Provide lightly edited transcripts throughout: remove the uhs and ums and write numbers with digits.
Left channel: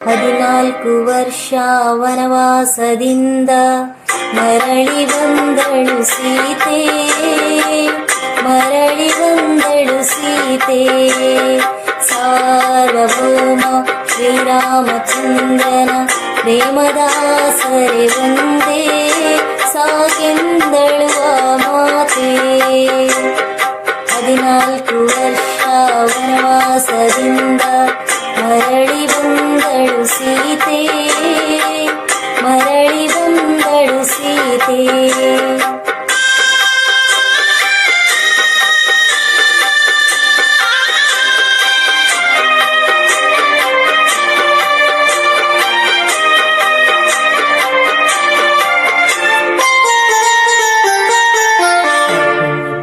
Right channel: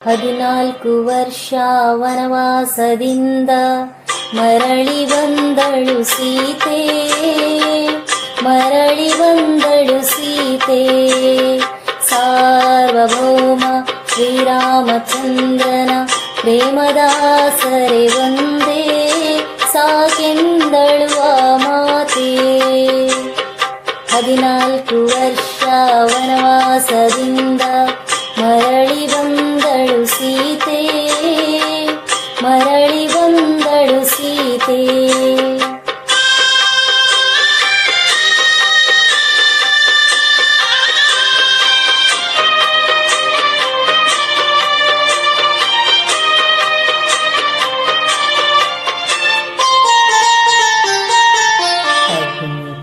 14 ವರ್ಷ ವನವಾಸದಿಂದ ಮರಳಿ ಬಂದಳು ಸೀತೆ, ಮರಳಿ ಬಂದಳು ಸೀತೆ. ಸಾರ್ವಭೌಮ ಶ್ರೀರಾಮಚಂದ್ರನ ಪ್ರೇಮದಾಸರೆ ಒಂದೇ ಸಾಕೆಂದಳು ಆ ಮಾತೆ. 14 ವರ್ಷ ವನವಾಸದಿಂದ ಮರಳಿ ಬಂದಳು ಸೀತೆ, ಮರಳಿ ಬಂದಳು ಸೀತೆ.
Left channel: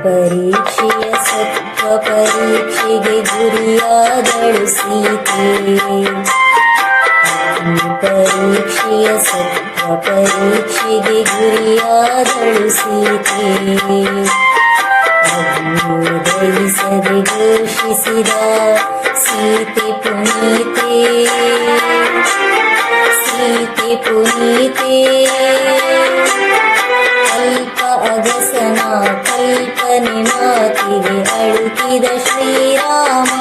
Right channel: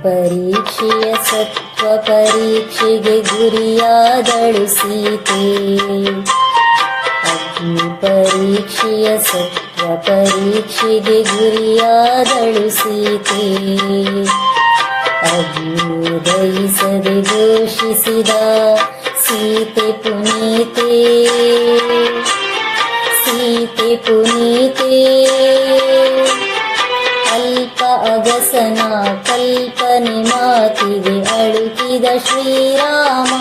ಪರೀಕ್ಷೆಯ ಸತ್ವ ಪರೀಕ್ಷೆಗೆ ಗುರಿಯಾದಳು ಸೀತೆ, ಅಗ್ನಿ ಪರೀಕ್ಷೆಯ ಸತ್ವ ಪರೀಕ್ಷೆಗೆ ಗುರಿಯಾದಳು ಸೀತೆ. ಅಗ್ನಿಯುದಯಿಸದೆ ಘೋಷಿಸಿದ ಸೀತೆ ಪುನೀತೆ, ಸೀತೆ ಪುನೀತೆ. ಅಲ್ಪ ಅಗಸನ ಕಲ್ಪನೆ ಮಾತಿಗೆ ಅಳುಕಿದ ಶ್ರೀರಾಮ,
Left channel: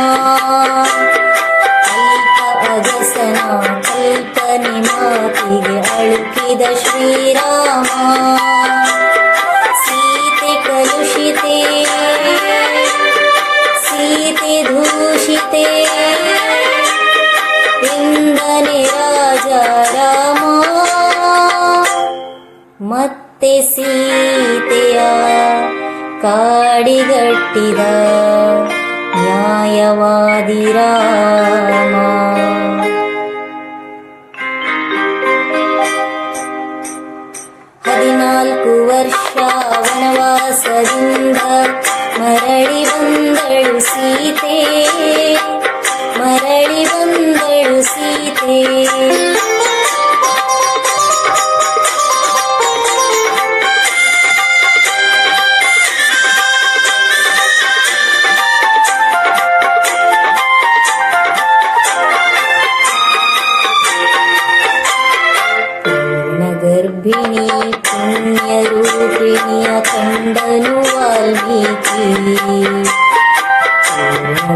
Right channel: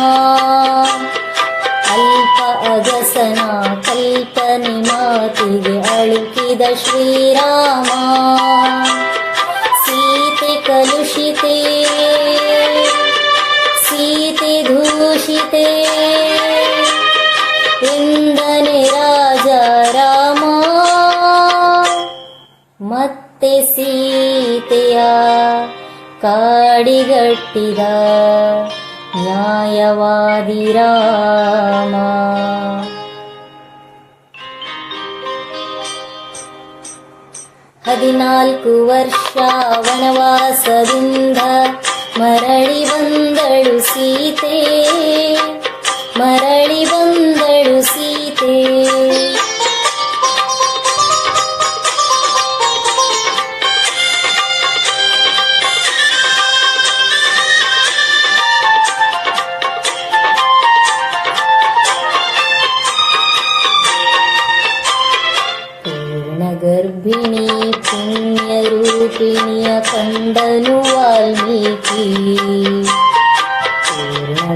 ಅಲ್ಪ ಅಗಸನ ಕಲ್ಪನೆ ಮಾತಿಗೆ ಅಳುಕಿದ ಶ್ರೀರಾಮ. ಸೀತೆ ಕಲುಷಿತೆ, ಸೀತೆ ದೂಷಿತೆ ಎಂದನೆ ರಾಜ ರಾಮ. ಮತ್ತೆ ಸೀತೆಯ ಕಾಡಿಗಟ್ಟಿದ ನ್ಯಾಯವಾದಿ ರಾಮ. 14 ವರ್ಷ ವನವಾಸದಿಂದ ಮರಳಿ ಬಂದಳು ಸೀತೆ, ಮರಳಿ ಬಂದಳು ಸೀತೆ. ಗರ್ಭಿಣಿ ಪುಣ್ಯರೂಪಿಣಿಯ ಕಂಡನು ವಾಲ್ಮೀಕಿ,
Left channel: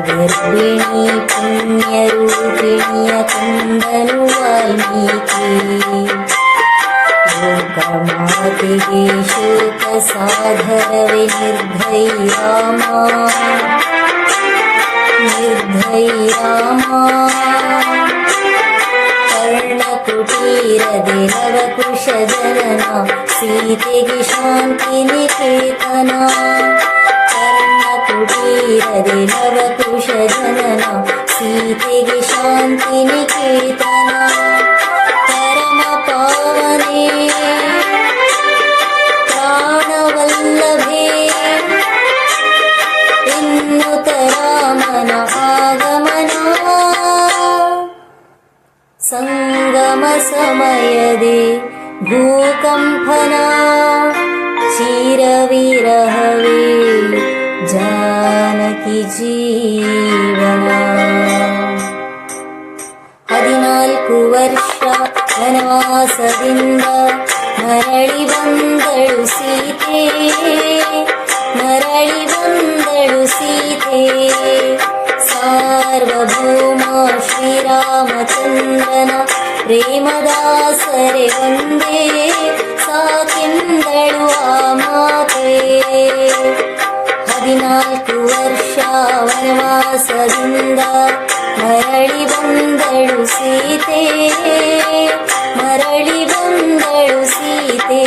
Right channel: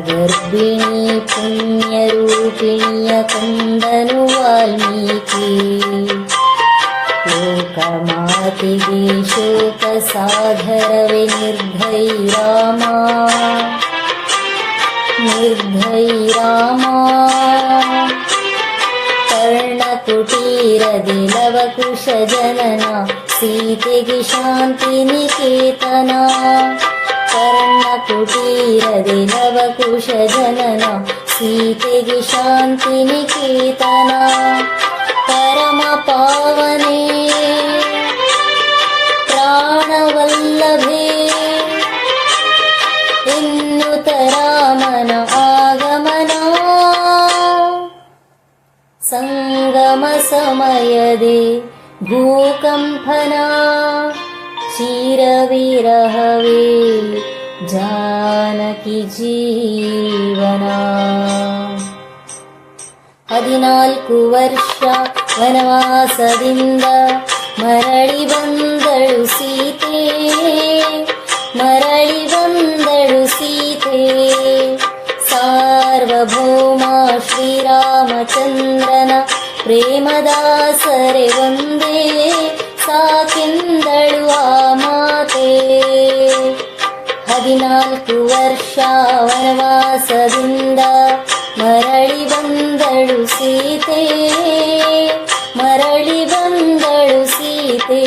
ಗರ್ಭಿಣಿ ಪುಣ್ಯರೂಪಿಣಿಯ ಕಂಡನು ವಾಲ್ಮೀಕಿ. ಲೋಕಮಾತೆಗೆ ಶೋಕ ಸಾಗರವೇ ನಿರ್ಭೈ ರಾಮ, ನಿರ್ಭೈ ರಾಮ. ಕರ್ಣಕುಟೀರದೆ ಲವಕುಶ ಜನನ ಸೀತೆಗೆ ಶಾಂತಿ ನಿಕೇತನ, ಕರ್ಣಕುಟೀರದೆ ಲವಕುಶ ಜನನ ಸೀತೆಗೆ ಶಾಂತಿ ನಿಕೇತನ. ಪರಮ ಪಾವನೆ ಪ್ರಾಣವಲ್ಲಭೆ ಎನ್ನುತ್ತ ರಾಮನ ಆಗಮನ. ಸಂಗಮ ಸಮಯದೆ ಭೂಕಂಪನ ಚಿರವಿರಹವೇ ಜಾನಕಿ ಜೀವನ. 14 ವರ್ಷ ವನವಾಸದಿಂದ ಮರಳಿ ಬಂದಳು ಸೀತೆ, ಮರಳಿ ಬಂದಳು ಸೀತೆ. ಸಾರ್ವಭೌಮ ಶ್ರೀರಾಮಚಂದ್ರನ ಪ್ರೇಮದಾಸರೆ ಒಂದೇ ಸಾಕೆಂದಳು ಆ ಮಾತೆ. 14 ವರ್ಷ ವನವಾಸದಿಂದ ಮರಳಿ ಬಂದಳು ಸೀತೆ, ಮರಳಿ ಬಂದಳು ಸೀತೆ.